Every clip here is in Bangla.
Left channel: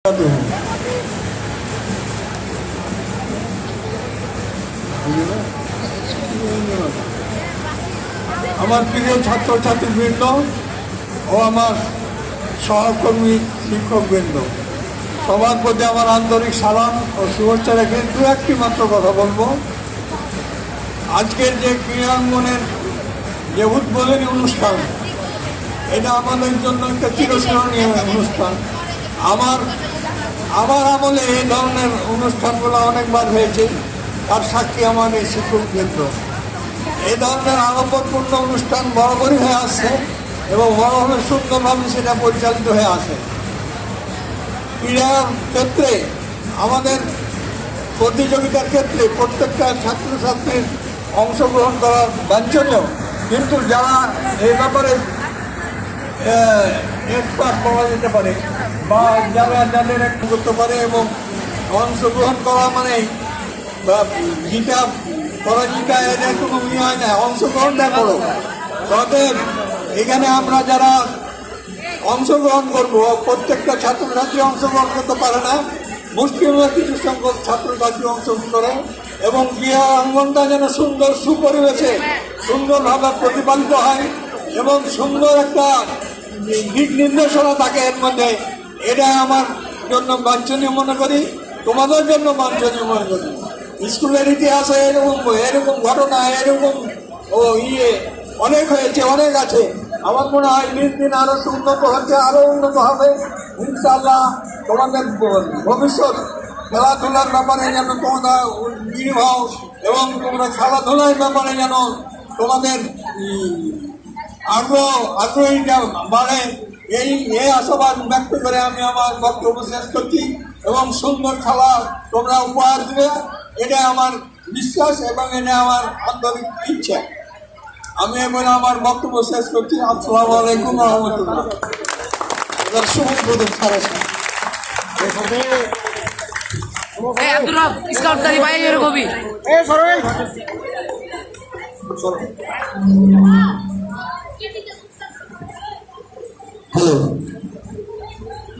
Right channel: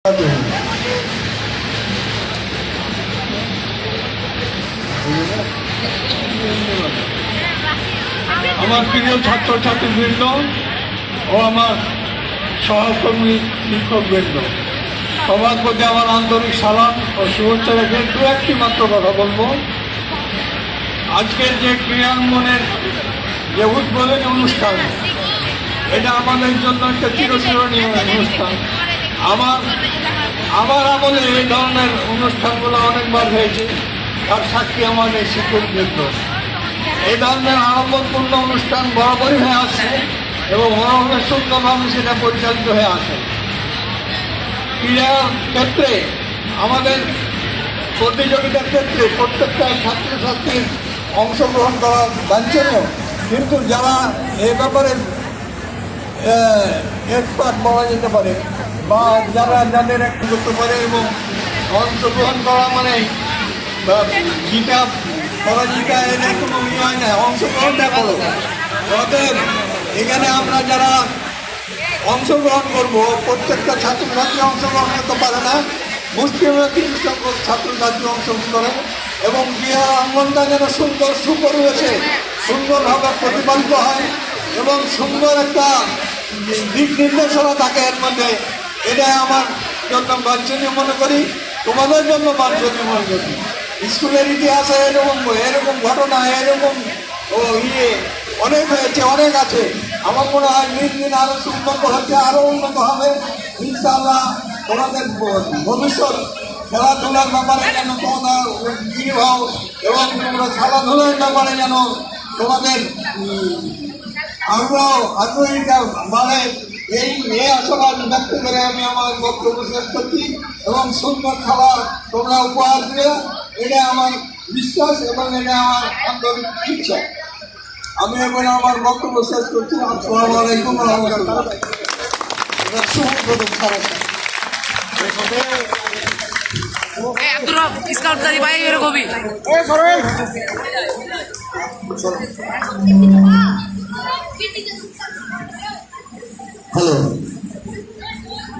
আমার প্রিয় ছাত্রছাত্রীবৃন্দ ও আমার সহকর্মী শিক্ষকবৃন্দ, সবার প্রতি আমার আন্তরিক সালাম ও শুভেচ্ছা রেখে দু একটি মাত্র কথা বলবো। আজকের যে ক্রীড়াঙ্গনের যে উদ্বোধনী অনুষ্ঠান, এটা আমাদের জন্য একটা চিরস্মরণীয় অনুষ্ঠান। আমার আমলে এই ধরনের অনুষ্ঠানগুলো অনেকবার হয়েছে, তার সাক্ষী আমাদের শিক্ষকবৃন্দ। এই ধরনের আলোকপূর্ণ অনুষ্ঠান বরাবরই হয়ে আসছে এবং বরাবর সুন্দরভাবে সেটা পরিচালিত হয়ে আসে। ক্রীড়ার ক্ষেত্রে আমাদের প্রতিযোগিতার ক্ষেত্রে প্রত্যেকটা ছাত্রছাত্রীর অংশগ্রহণ করা বাঞ্ছনীয়, কিন্তু যারা এই ব্যাপারে এক্সপার্ট বলা যেতে পারে বা যাদের করতে পারে এবং অংশগ্রহণ করা মানে জিতা এদের কোনো হয় না, অংশগ্রহণটা করো। অতএব এখানে আমরা যারা অংশগ্রহণ করবো, প্রত্যেকটা ছাত্রছাত্রী অংশগ্রহণ করতে পারে না, মুসলিমরা কিছু সংখ্যক ছাত্রছাত্রী অংশগ্রহণ করে এবং ক্রীড়া অঙ্গনটা যেন সুন্দর সুপরিবেশে সুন্দরভাবে প্রতিপালিত হয় এবং সুন্দর একটা দিক নির্দেশনা থাকে এর মধ্যে। এটা আমার জন্য বাঞ্ছনীয় মনে করি, তোমাদের জন্য বাঞ্ছনীয় মনে করি। স্কুলের ইতিহাসে এরকম ঘটনা এরকম অনেক হয়েছে, অনেক আছে। আমার মনে হয় দিন আরো উন্নত হচ্ছে, আরো উন্নত হবে ইনশাআল্লাহ। তোমাদের ভবিষ্যৎ খেলাধুলার ব্যাপারে যেন তোমরা নির্ভর এবং তোমরা খেলাধুলার ব্যাপারে যেন তোমাদের আগ্রহীটা বাড়ে, এই আশাবাদ ব্যক্ত করে আমি আমার বক্তব্য শেষ করছি এবং সুন্দর খেলা তোমরা উপহার দেবে, এটা আমার বিশ্বাস এবং এটা আমার আন্তরিক ইচ্ছা। আমি এখন আমার বক্তব্য শেষ করছি। আসসালামু আলাইকুম ওয়া রাহমাতুল্লাহ।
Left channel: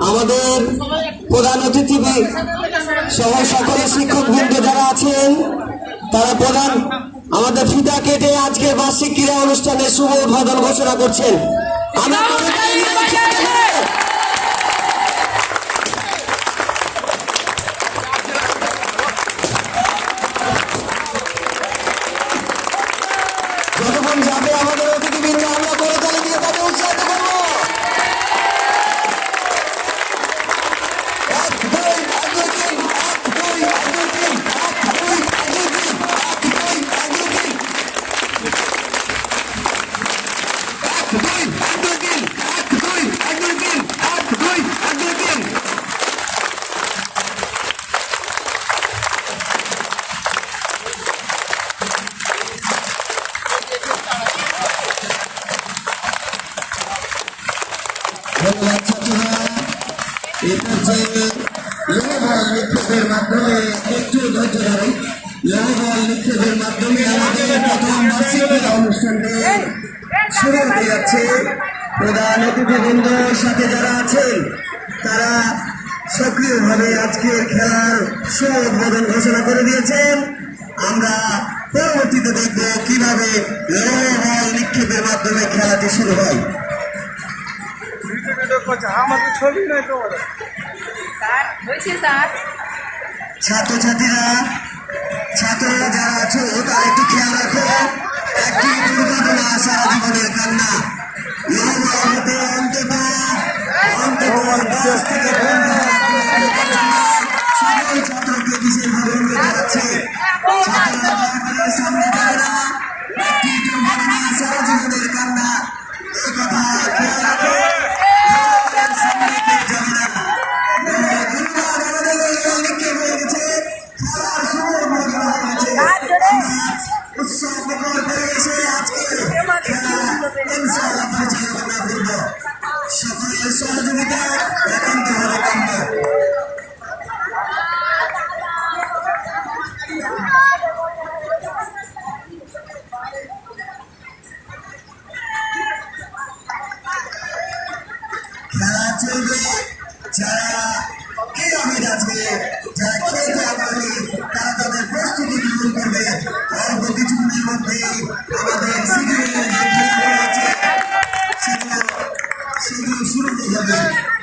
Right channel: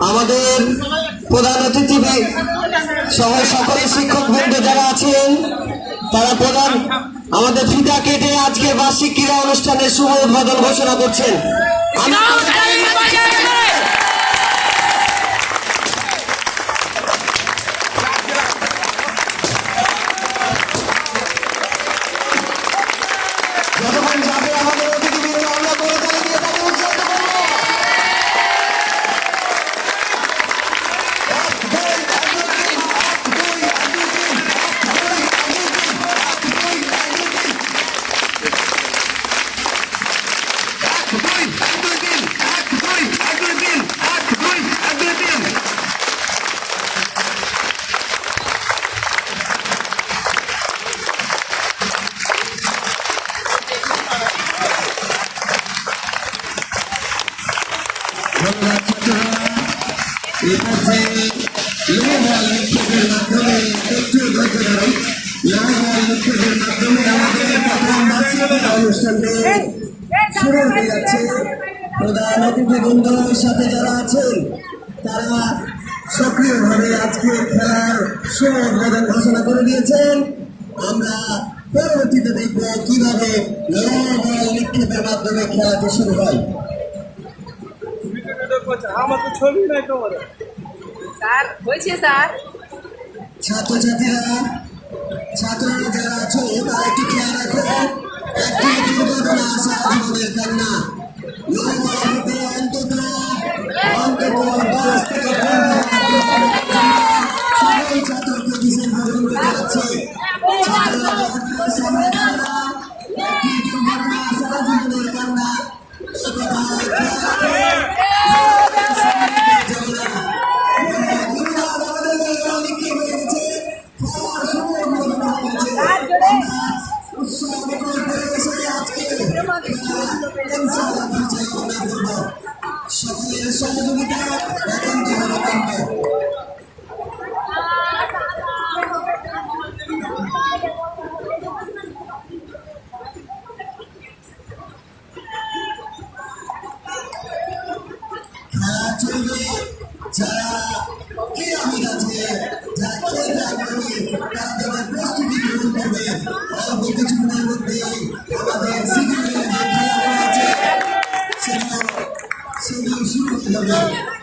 আমাদের প্রধান অতিথি সহ সকল শিক্ষকবৃন্দ যারা আছেন, তারা প্রধান আমাদের ফিতা কেটে আজকে বার্ষিক ক্রীড়া অনুষ্ঠানের শুভ উদ্বোধন ঘোষণা করছেন। প্রধান অতিথিবৃন্দের সাথে যারা আছেন তারা সক্রিয়ভাবে আজকে খেলার শুভ উদ্বোধন ঘোষণা করে দিয়েছেন। আমরা পরবর্তীতে দেখব কিভাবে বল নিক্ষেপের মাধ্যমে খেলাটি শুরু হয়। ছাত্ররা যারা আছো তারা একটু খেয়াল রাখো, একটি দুর্ঘটনা সারা জীবনের কান্না। সকল ছাত্রকে বিশেষ ভাবে যাচ্ছে, সামনে একটি দুর্ঘটনা সারা জীবনের কান্না। এই কথা সকলের সহযোগিতা শুরু হবে